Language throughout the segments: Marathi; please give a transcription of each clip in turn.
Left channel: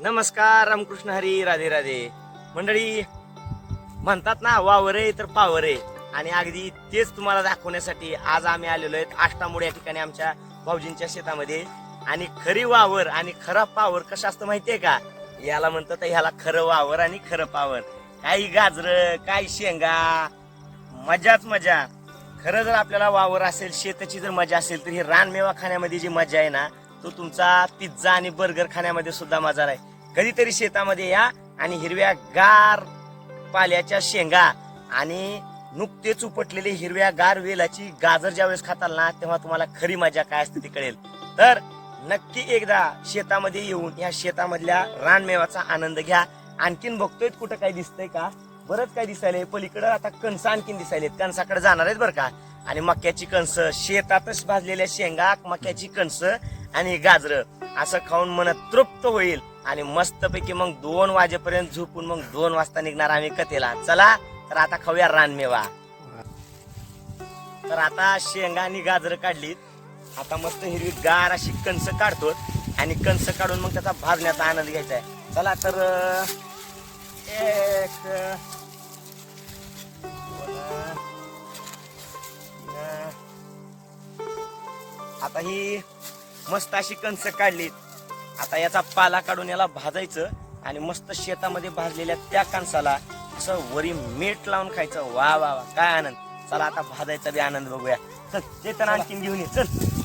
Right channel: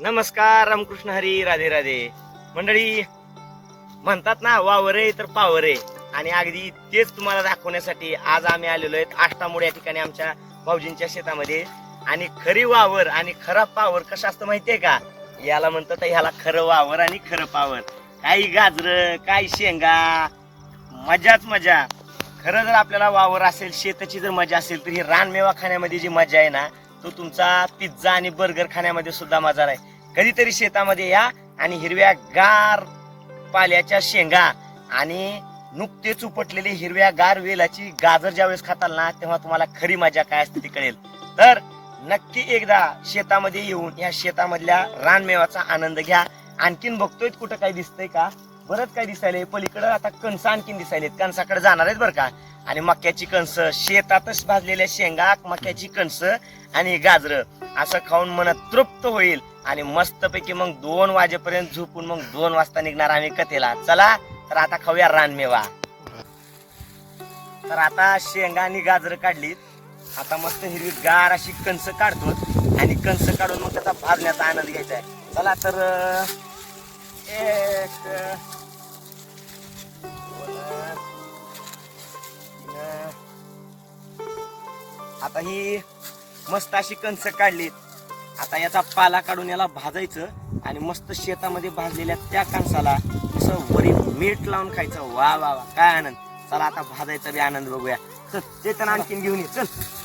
नमस्कार, रामकृष्ण हरी, राधे राधे. मंडळी म्हणतात ना, वावर आहे तर पावर आहे. आणि अगदी तेच तुम्हाला दाखवण्यासाठी आज आम्ही आलेलो आहेत आष्टामोड या ठिकाणी आमच्या भाऊजींच्या शेतामध्ये. आणि खरी वावर आणि खरा पावर कसं असतं माहितीये का? याला म्हणतात ह्याला खरं वावर आणि खरं पावर. काही गाजर, काही शेंगा, मजाच मजा. खरं जर आपल्याला वावर असेल, शेताची जर मजा असेल, तर ही रानमेवा खाण्यामध्ये जी मजा आहे ना, तो तुमचा पिझ्झा आणि बर्गर खाण्यामध्ये सुद्धा मजा आहे. कधीतरी शेतामध्ये या आणि हिरव्या गार पाल्याच्या शेंगा आणि नुकतेच उपटलेली हिरव्या गार वेलाची गाजर ज्यावेळेस खाताल ना, तेव्हा तुम्हाला खरी मजा काय असते ती कळेल. तर नक्की एकदा शेतामध्ये येऊन या शेतामधल्या रानमेवाचा आनंद घ्या. आणखीन बघतोय कुठं काय दिसतंय का? बरंच काय दिसायलंय पलीकडं. आता कणस आणखीन दिसायलेत, कणसाकडे जाणार आहेत बरं का. आणि मक्याची कणस, शेतातच भाजलेल्या शेंगा, मक्याची कणस आणि गाजर असं खाऊन मन तृप्त होईल. आणि मस्तपैकी मग 2 वाजेपर्यंत झोपून मग 2 वाजता निघणार आम्ही कथेला. चला तर आता खाऊया रानमेवा. तर आता शेंगा आणि गाजर काढलीत. आता मस्त हिरवी गार अशी कणस काढतो आणि कणस काढून मग त्याचा भाजण्याचा आनंद घ्यायचा आहे. चला तर आता ही मस्त अशी कणस काढली. आता याचा पाला काढून याला भाजायचं आणि मस्त शेतामध्ये भाजलेल्या त्या कणसाला असं वरी मीठ लावून खायचं. वा वा वा, काय आनंद. चला आता भाजायचा बी आनंद बघूया. चल ते तर आणखीन घेऊन ये. चल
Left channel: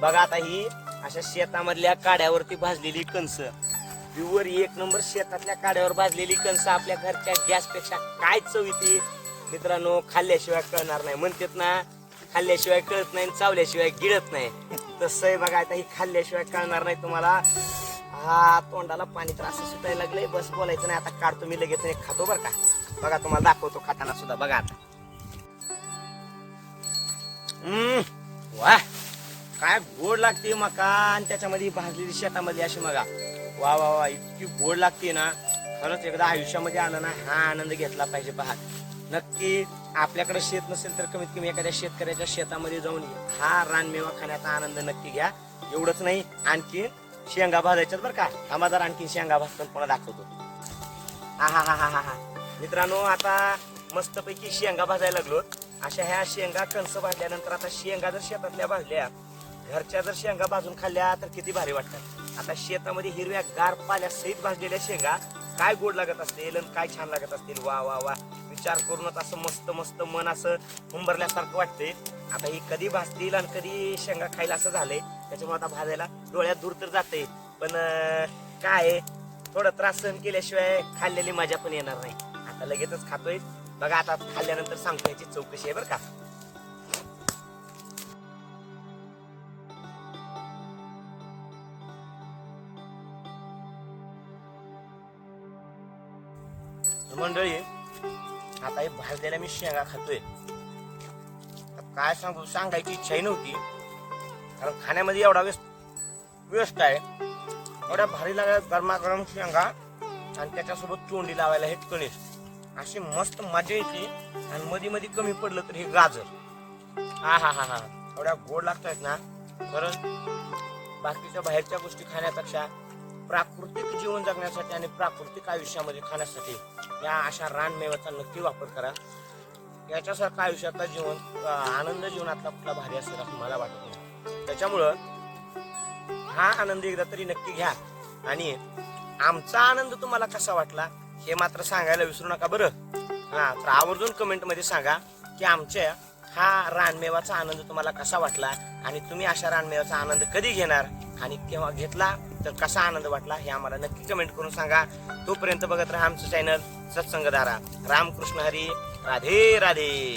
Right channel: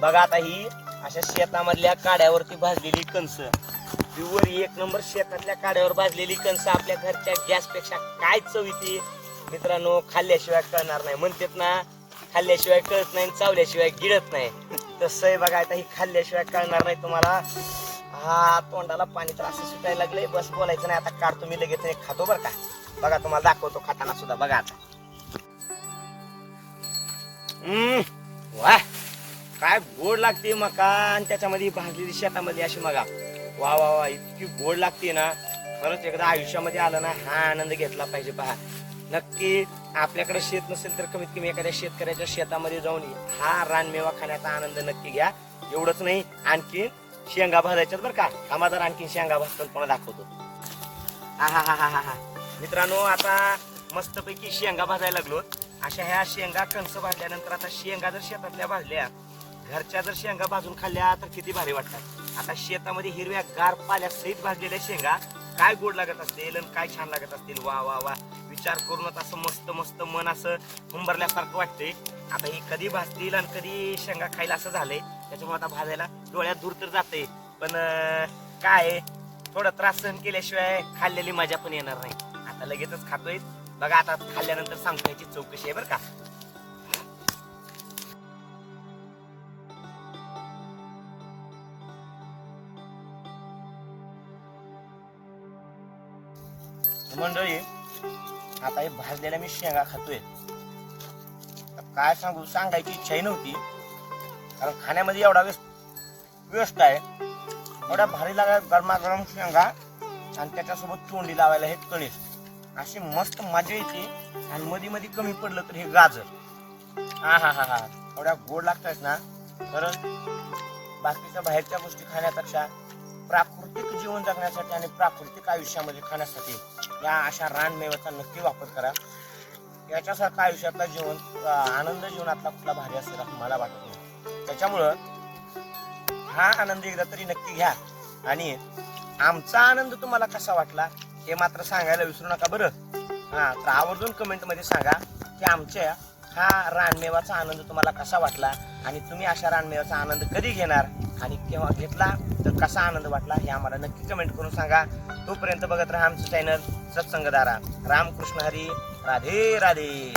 बघा आता ही अशा शेतामधल्या काड्यावरती भाजलेली कणस, वर 1 नंबर शेतातल्या काड्यावर भाजलेली कणस आपल्या घरच्या गॅसपेक्षा काय चव येते मित्रांनो, खाल्ल्याशिवाय कळणार नाही. म्हणतात ना, खाल्ल्याशिवाय कळत नाही, चावल्याशिवाय गिळत नाही. तसं आहे बघा. आता ही खाल्ल्याशिवाय कळणार नाही तुम्हाला. हा, तोंडाला पाणी तर असं सुटायला लागलंय. बस बोलायचं नाही, आता काढतो मी लगेच नाही खातो बरं का. बघा तुम्हाला दाखवतो खाताना सुद्धा. बघा आता. वा, काय गोड लागते मका आणि त्याच्यामध्ये भाजलेली शेतामध्ये अशी मगा. वा वा वा, इतकी गोड लागते ना. खरंच एकदा आयुष्यामध्ये आलं ना, हा आनंद घेतला पाहिजे. पहा, नक्की आपल्याकडे शेत नसेल तर कमीत कमी एखाद्या शेतकऱ्याच्या शेतामध्ये जाऊन हा रानमेवा खाण्याचा आनंद नक्की घ्या. एवढंच नाही, आणखी शेंगा भाजायच्यात बरं का. आम्हा जर आणखी शेंगा भाजतात पुन्हा दाखवतो. हा हा हा हा हा मित्रांनो, आता मस्तपैकी शेंगा भाजायला लागलो. अशा ह्या शेंगा कणस भाजल्यानंतर आता शेंगा जर शेतातल्या भाजल्या, घरच्या जर शेंगा भाजून खाल्ल्या तर किती भारी वाटतात. आता शेतामध्ये हिरव्या गार पाल्या सहित भाजलेल्या शेंगा काय गोड लागत असतील आणि काय छान लागत असतील. वा वा वा, विचार करूनच असं मस्त मस्त मन असं हुंबरल्यासारखं वाटतंय. आता ही कधी भाजतील आणि कधी शेंगा खायला असं झालंय. त्याच्यामुळे आता भाजायला डोळ्यात दूर तर जाते, पण काय थोडं त्रास सहन केल्याशिवाय खाल्लेली मजा पण येणार नाही. आता लगेचच खातोय बघा. आता खाल्ल्यानंतर सांगतो याची चौकशी आहे बरं का. मंडळी, आता हे भाजलेल्या मी शेंगा खातोय. काय सांगू, सांगायची इच्छाही नव्हती, कारण खाण्यामध्ये एवढा वेस्ट आहे. एवढ्या भारी लागत गरमागरम शेंगा आणि त्याच्यासोबत तोंडी लावायला हे कणीस, अशी मस्त मजा येते. आणि मध्ये मध्ये कमी पडलं तर हे गाजर, हा हा हा हा, एवढ्या गोड लागतात ना. तर बाकीच्या बाहेरच्या गोष्टी खाण्यापेक्षा प्राकृतिक जीवन जगण्यासाठी आणि प्राकृतिक आयुष्यामध्ये खाण्यासाठी या अशा रानमेव्याचा नक्की वापर करा. याच्यासारखा आयुष्यातला जीवन, आनंद जीवनातला कुठला भारी असेल असं मला वाटत नाही. त्याच्यामुळं हा आनंद एकदा तरी नक्की घ्या. आणि आमचा आनंद तुम्हाला कसा वाटला हे मात्र सांगायला विसरू नका बरं. हा, तर आवर्जून कमेंट मध्ये सांगा की आमच्या हा रानमेवाचा आनंद तुम्हाला कसा वाटला आणि तुम्ही अशा रानमेवाचा आनंद कधी घेणार आणि केव्हा घेतला तर कसा आनंद वाटला हे आम्हाला नक्की कमेंट करून सांगा. तोपर्यंत बघत राहा आमचं चॅनल सत्संगधारा. रामकृष्ण हरी, राधे राधे.